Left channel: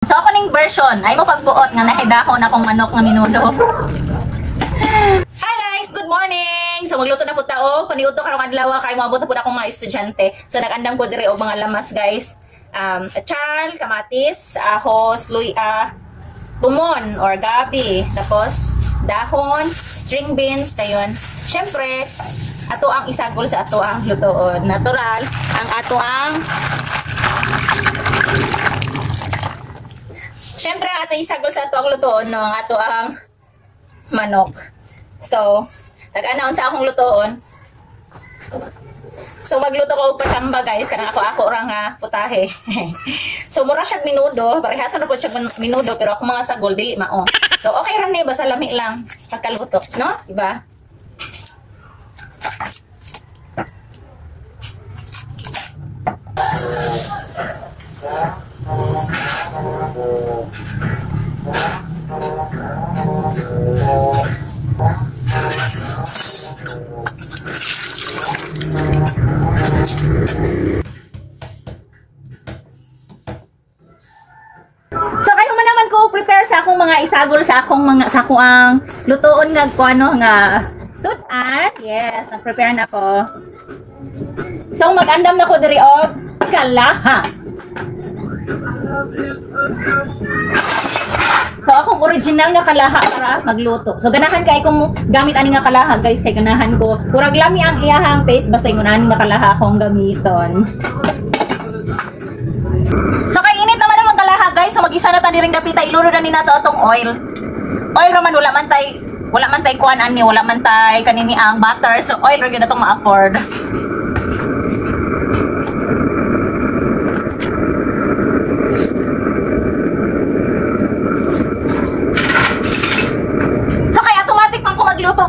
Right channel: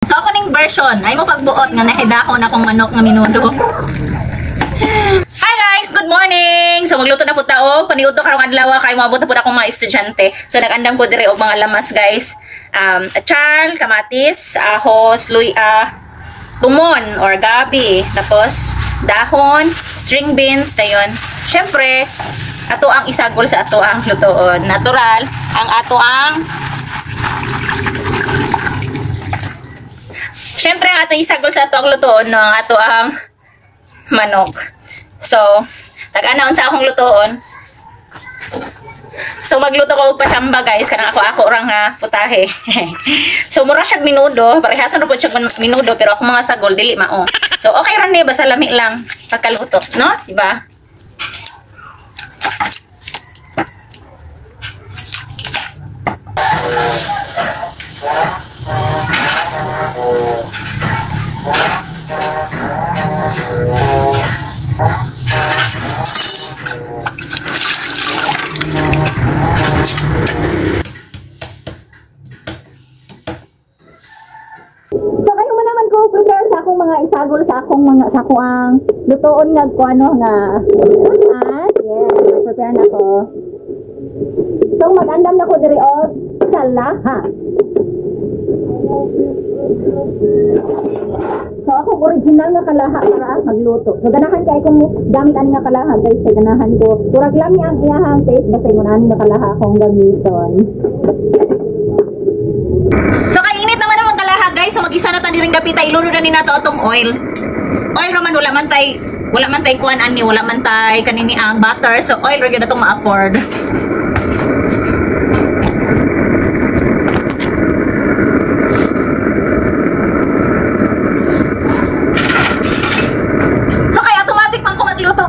So ako ning version, ay mo pagbuot nga nahidahon akong manok nga minudo. Hi guys, good morning. So magluto na po tao, paniudto karong adlaw kay moabot na pud akong mga estudyante. So nagandam ko dire og mga lamas guys. Achal, kamatis, ahos, tumon or gabi, tapos dahon, string beans, dayon. Syempre, ato ang isagol sa ato ang lutoon. Natural ang ato ang Siyempre, ang atong isagol sa ato ang lutoon, no? Ang ato ang manok. So, tag-anaon sa akong lutoon. So, magluto ko og pachamba, guys. Kanang ako orang nga putahe. So, mura siyag minudo. Parehasan po siyag minudo, pero ako mga sagol, dili mao. So, okay ron eh. Basta lami lang pagkaluto, no? Diba? So kayo man naman ko prepare sa akong mga isagol sa akong ang lutoon nga kuano nga sudan. Yes, nag-prepare na ko. So mag-andam na ko diri og kalaha. So akong original nga kalaha para magluto. So ganahan kay kung gamit ani nga kalaha guys, kay ganahan ko. Murag lami ang iyahang paste basta yung ani nga kalaha akong gamiton. So kay init naman ang kalaha guys, so mag-isa na ta diring gapita, ilunod na ni nato atong oil. Oil raman wala man tay kuan ani, wala man tay kanini ang butter. So oil ra gyud atong ma-afford.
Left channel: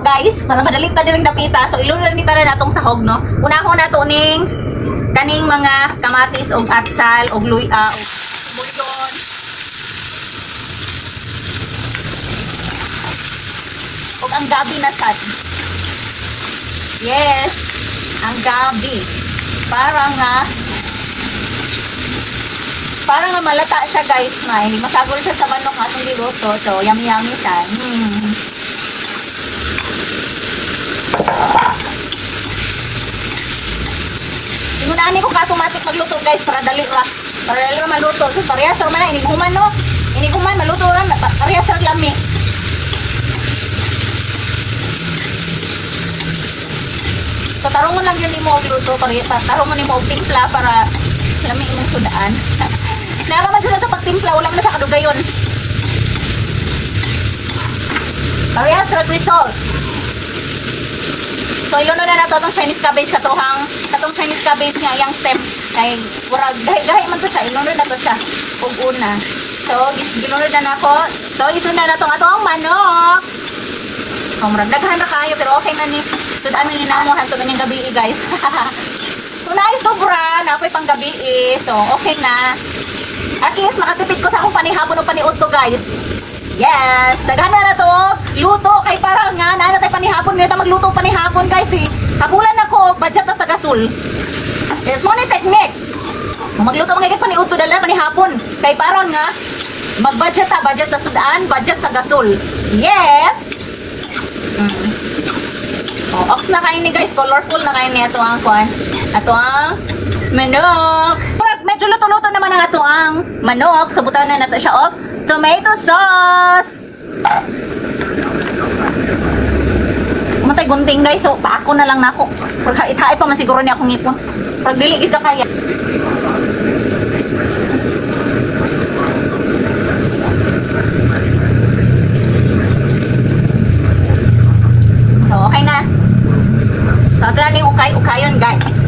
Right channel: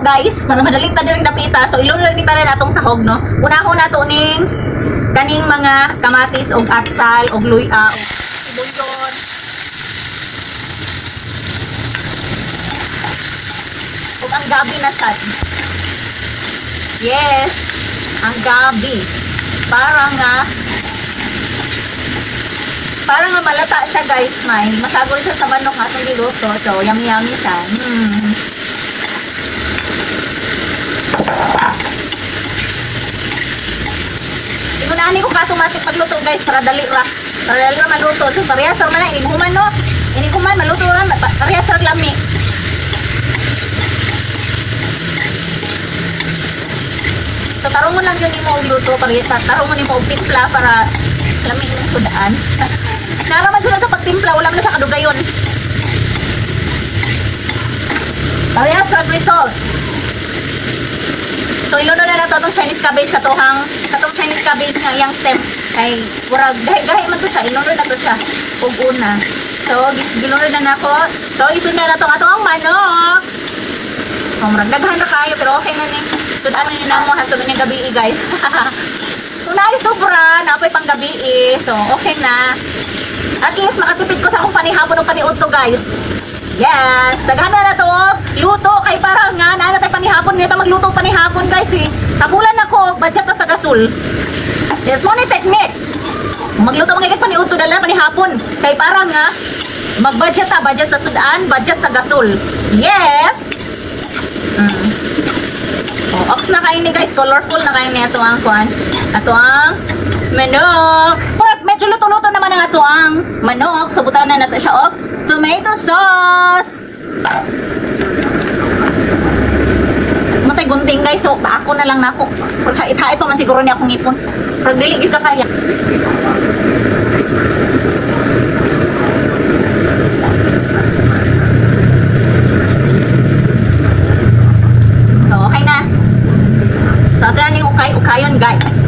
Guys, para madaling ta diring dapita. So ilunod lang ni para natong sahog, no. Unahon nato ning kaning mga kamatis og atsal og luya og sibuyon. Og ang gabi na sad. Yes, ang gabi. Para nga malata siya guys, may masagol siya sa manok atong giluto. So yummy siya. Inunahan ko ka automatic magluto guys para dali ra maluto. So parehas ra man ini kuman no. Ini kuman maluto ra parehas ra lami. So tarungon lang yun imo og luto parehas. Tarungon imo og timpla para lami imong sudaan. Nara man sa pagtimpla wala man sa kadugayon. Parehas ra result. So ilunod na nato itong Chinese cabbage katong Chinese cabbage nga yang stem kay murag gahi man to siya, ilunod na to siya ug una. So gilunod na nako. So isundan na to atong manok. Murag daghan ra kayo pero okay na ni. Sudan ni namo hangtod ning gabi guys. So naay sobra na pay pang gabi so okay na. At least makatipid ko sa akong panihapon o paniudto guys. Yes, daghan na to luto kay para nga na tay panihapon nga magluto panihapon guys tabulan nako budget na sa gasol. Yes, mo ni technique. Magluto mga gid paniudto dala panihapon kay para nga budget sa sudan, budget sa gasol. Yes. Ox na kayo ni guys, colorful na kayo ni ato ang kuan. Ato ang manok. Medyo luto-luto naman ang ato ang manok. So butawan na nato siya og tomato sauce. Matay gunting guys. So ako na lang nako. Hait-hait pa man siguro ni akong ngipon. Pag dili gid ka kaya. So okay na. So ato na ning ukay-ukayon guys.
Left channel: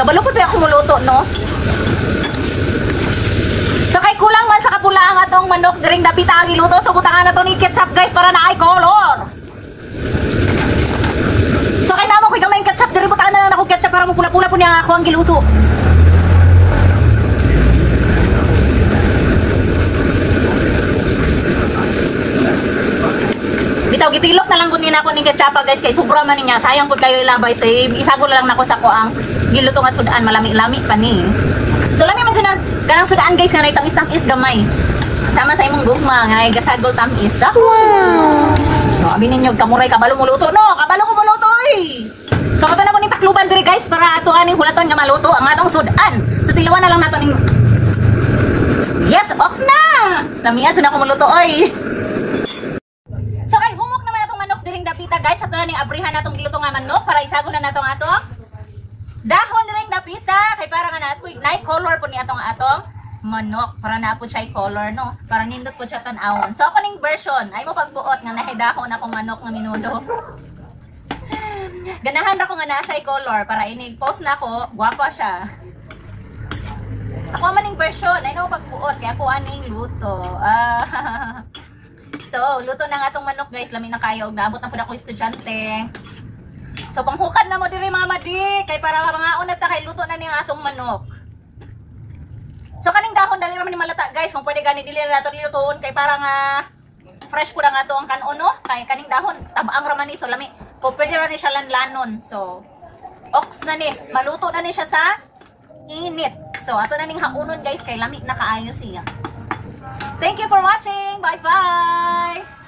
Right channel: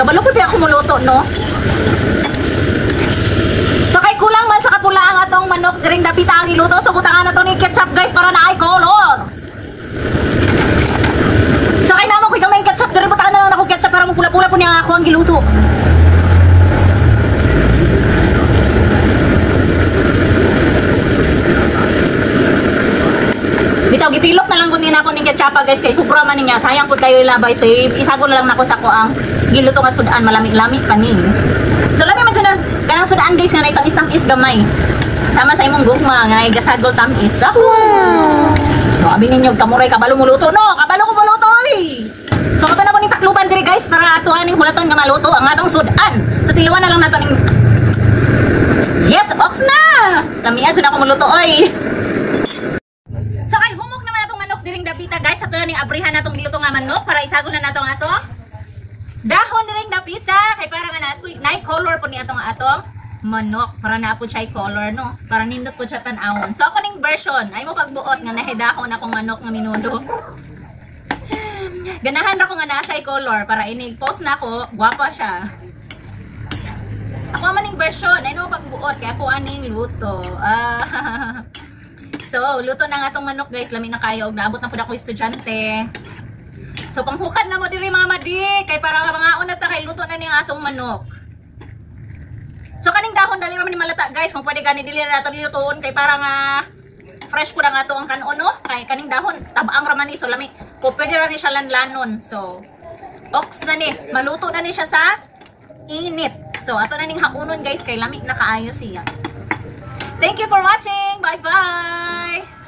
Kabalo po tayo akong muluto, no? So, kay kulang man sa kapula ang atong manok diring dapita ang iluto. So, butangan na to ni ketchup, guys, para na ay color. So, kay namo ko gamay ketchup. Diring butangan na lang ako ketchup para mapula-pula po niya ako ang giluto. Di bitaw gitilok na lang kunin ako ni ketchup guys kay sobra man niya. Sayang pud kayo ilabay. So isago na lang nako sa ko ang giluto nga sudan malami-lami pa ni. So lami man dyan kanang sudan guys nga tamis-tamis gamay. Sama sa imong gugma nga gasagol tamis. Wow. So abi ninyo kamuray kabalo mo luto no. Kabalo ko luto oy. So kato na ko ning takluban diri guys para atuan ning hulaton nga maluto ang atong sudan. So tiluan na lang nato ning yes, ox na! Lamian dyan ako maluto, oy! So, kay humok naman natong manok diring dapita, guys. Ato na ning abrihan natong giluto nga manok para isago na natong atong dahon diring dapita. Kay para nga nato, night color po ni atong manok. Para naapod siya color, no? Para nindot po siya tanawon. So, ako ning version, ay mo pagbuot nga nahidahon akong manok nga minudo. Ganahan ako nga na siya color para inig-post na ako, guwapa siya. Ako maning version, ay no pagbuot kaya ako aning luto. So, luto na nga tong manok guys, lami na kayo. Naabot na po ako estudyante. So, panghukad na mo diri mga madi, kay para mangaon na ta kay luto na ning atong manok. So, kaning dahon dali ra man ni malata guys, kung pwede gani dili ra to nilutoon kay para nga fresh ko na nga to ang kanon no. Kay kaning dahon tabaang ra man ni so lami. Kung pwede ra ni siya lanlanon. So, ox na ni, maluto na ni siya sa init. So, ato na ning haunon guys, kay lamig na kaayo siya. Thank you for watching. Bye-bye!